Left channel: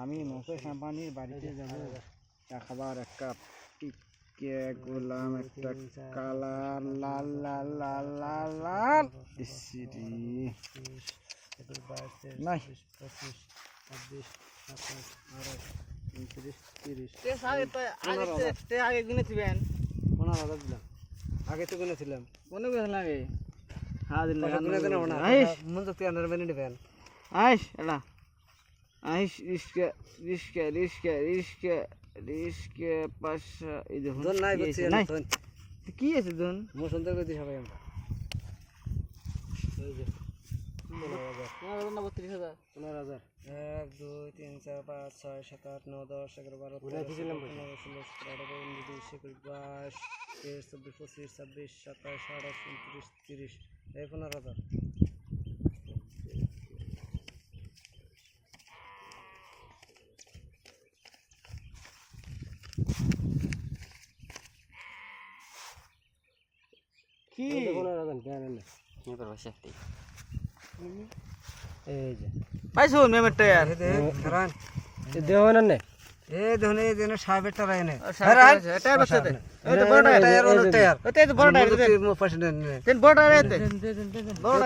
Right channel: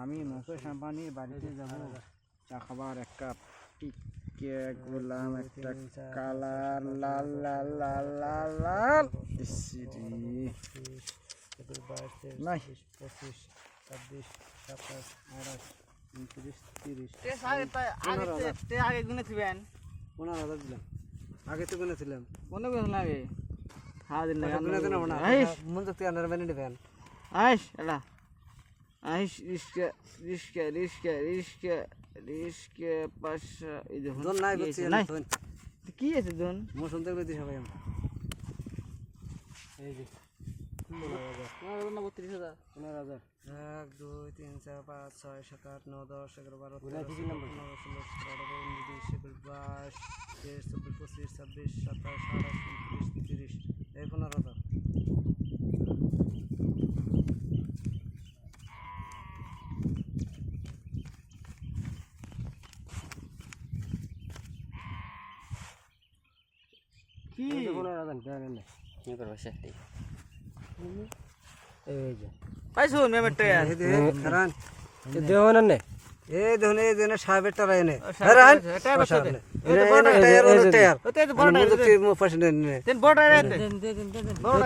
আমি নশো শ্যাম্পানির বাড়িতে যাব চা খাবার। এক কাপ টিকে গোলাম, একটা কালার লাল লাল লাল লাল লাল ইসিরি নাই 25, 26, 27, 28, 29, 30। আগে গুনেছিলেন 15,000 দিলাম। আগে তো গুনেছিলাম। কোনে গুনেছিলাম আগে? হ্যাঁ দিন না মন তো আনার মানে নেবেন। আইস এলা আইস রিস্কা রিস্কা রিস্কা রিস্কা রিস্কা পাশা এই দেখুন দন নাই বলছি না কি আছে দন মো শুনতে কইতে সবাই আমরা এই যে 15,000 না 32,000 15,000 1 2 3 4 5 6 7 8 9 10 11 12 13 14 15 16 17 18 19 20 21 22 23 24 25 26 27 28 29 30 এই 15,000 কি 15,000 দেন না কি করব সেটি এই যে পাইছো মেমেটে এই দে ধরান এ দেও না নে এ দেখুন এই দেন সাহেবের টাকা এনে ধরান এটা বসে দে এই তো বড় টায়ার ওতে তো বড় টায়ার দে মো পাশে দেন দেন বড় টায়ার দে বড়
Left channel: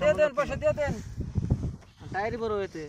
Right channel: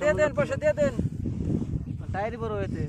টায়ার দেন পয়সা দে দেন টায়ারই বড় হইতে